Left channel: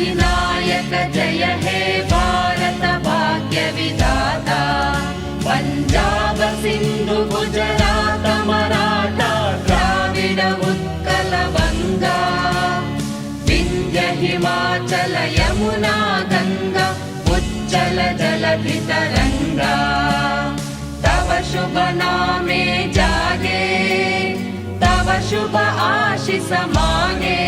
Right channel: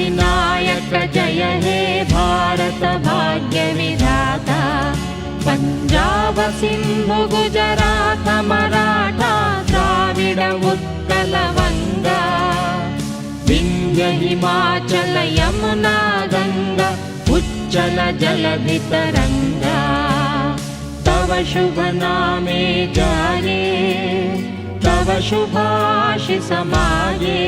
अधिनायक जय हे भारत भाग्य विधाता पंजाब सिंधु गुजरात मराठा द्राविड उत्कल वंगा विंध्य हिमाचल यमुना गंगा उच्चल जलधि तरंगा तव शुभ नामे जागे तव शुभ आशीष मागे।